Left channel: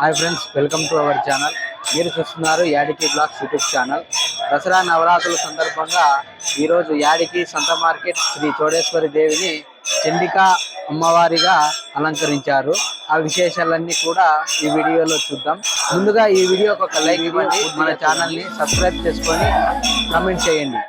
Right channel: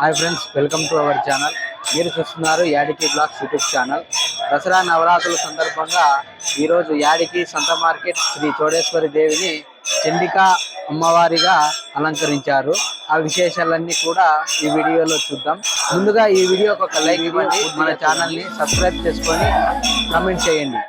Hi friends welcome to our channel. మీరు చూస్తున్నారు యాడికి బ్లాగ్స్ యూట్యూబ్ ఛానల్. దసరా నవరాత్రుల సందర్భంగా ఈరోజు యాడికి సంత మార్కెట్ శ్రీ చోడేశ్వరి దేవిని చండికా అమ్మవారిగా అలంకరించారు. ఆ విశేషాలన్నీ కూడా ఈ వీడియోలో చూద్దాం. ముందుగా ఈ వీడియో ఒక లైక్ ఇవ్వండి. మన ఛానల్ని సబ్స్క్రైబ్ చేసుకొని కామెంట్ చేయండి.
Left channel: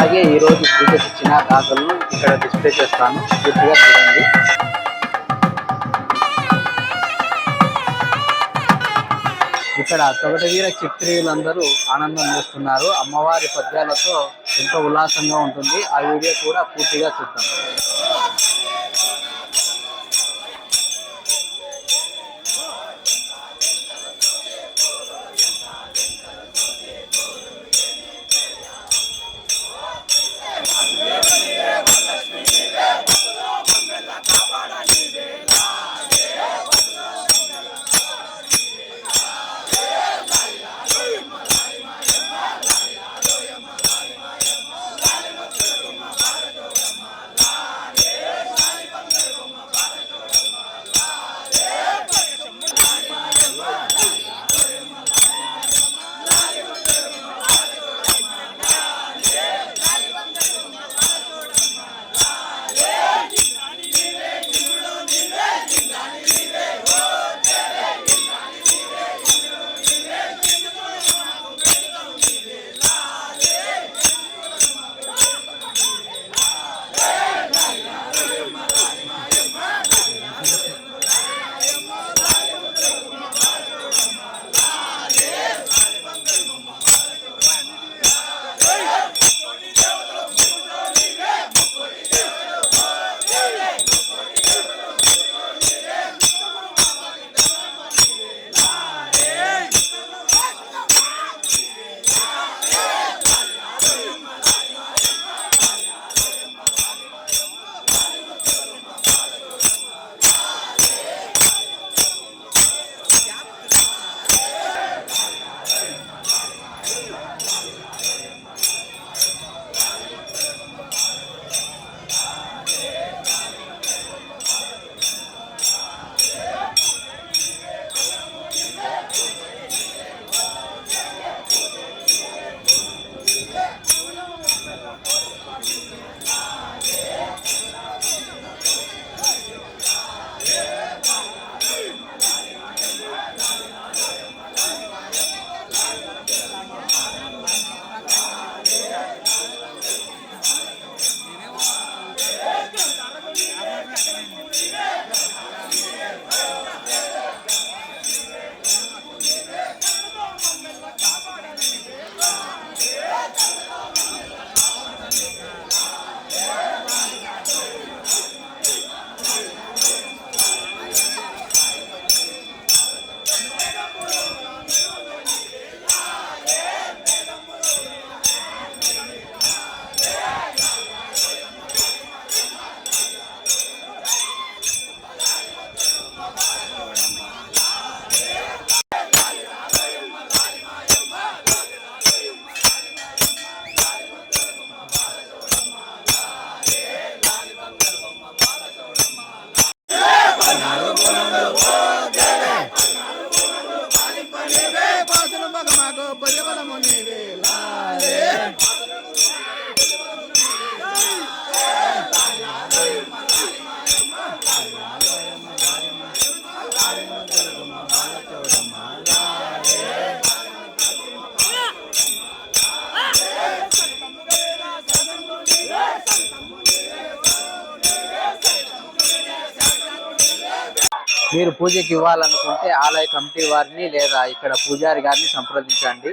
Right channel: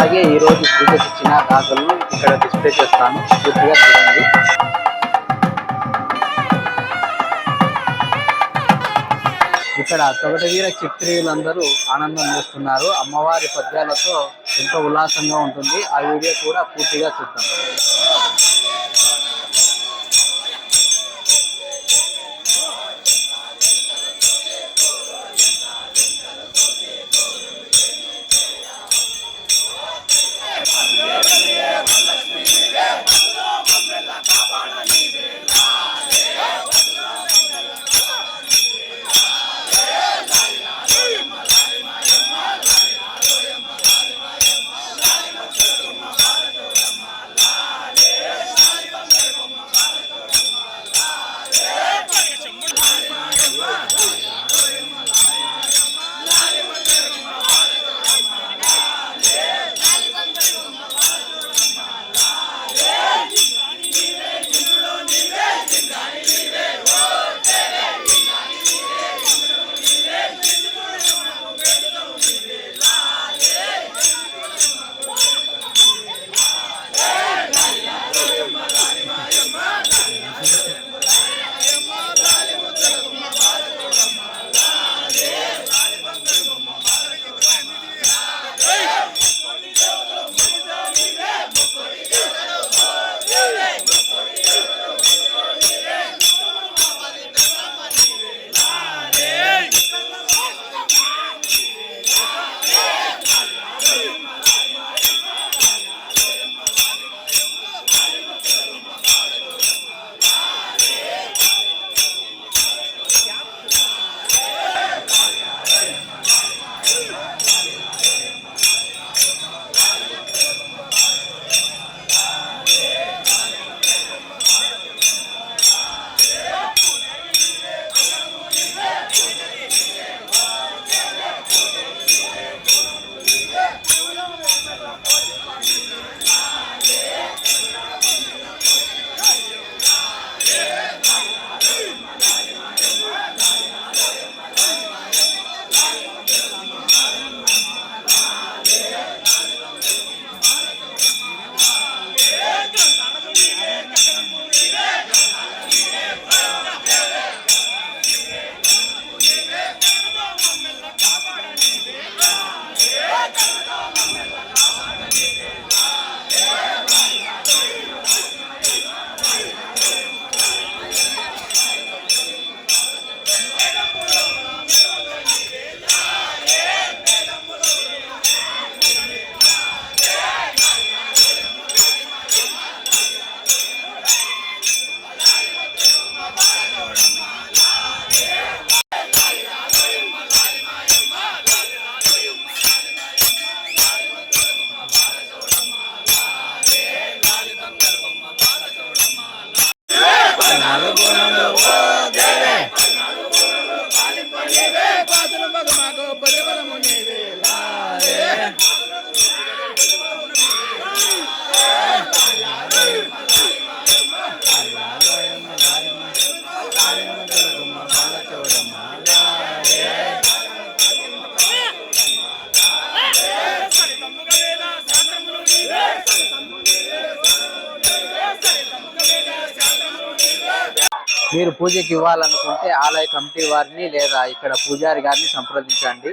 అలాగే ఈ రోజు పూజకి ఇచ్చిన గాజులను ఇక్కడ డిస్ప్లే చేస్తాను. పూర్తిగా చూడండి. ఇక్కడ తొగటవీర చిత్రీయులందరూ ఆనందం చేస్తున్నారు. అమ్మవారి పద్యాలతో ఎంతో ఉల్లాసంగా ఉంటుంది. ఆ వీడియో కూడా పూర్తిగా చూద్దాం. మీరు పూజకి ఇవ్వాలనుకుంటే ఆలయ కమిటీ వారిని లేదా ఇక్కడ పూజారి గారిని సంప్రదించండి.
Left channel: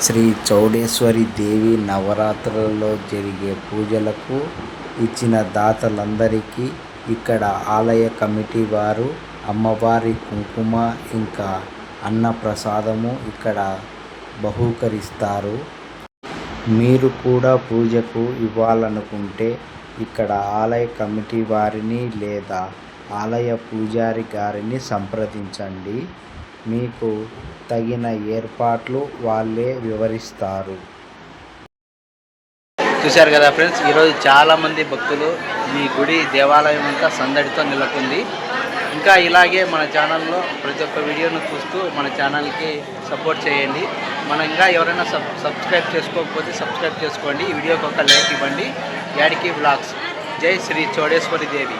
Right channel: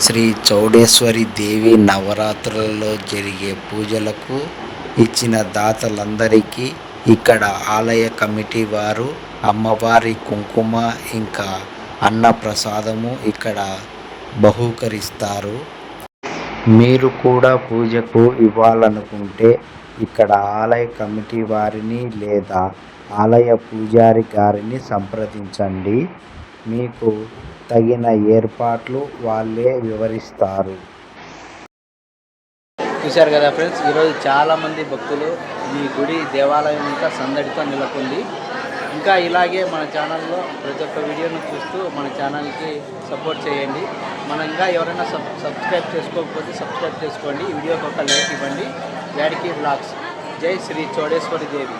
శ్రీ చౌడేశ్వరి దేవి నవరాత్రులలో జరిగే పూజలకు ఇచ్చిన దాతలందరికీ ఇక్కడ ఆలయ కమిటీ వారు అమ్మవారి కుంకుమ ఇంకా అన్న ప్రసాదము ఇక్కడ బహూకరిస్తారు. మీరు కూడా పూజకు ఇవ్వాలనుకుంటే ఇక్కడ ఆలయ కమిటీ వారిని లేదా ఆలయ పూజారి గారిని సంప్రదించండి. మీకు తగిన ఏర్పాట్లు వాళ్ళే వివరిస్తారు. చూశారు కదా ఫ్రెండ్స్ ఈరోజు చాలామంది భక్తులు మీ గుడి దేవాలయం అంతా సందడితో నెలకొంది. ఇంకా ఇలాగే మన ఛానల్లో ప్రతి ఒక్క వీడియోను చూస్తూ మన ఛానల్కి సపోర్ట్ చేయండి. మన ఇంకా ఎవరైనా సబ్ సబ్స్క్రైబ్ చేసుకోకపోతే సబ్స్క్రైబ్ చేసుకోండి. ఈ వీడియోకి ఒక లైక్ ఇవ్వండి. యాడికి బ్లాగ్స్ జై శ్రీ చోడేశ్వరి దేవి.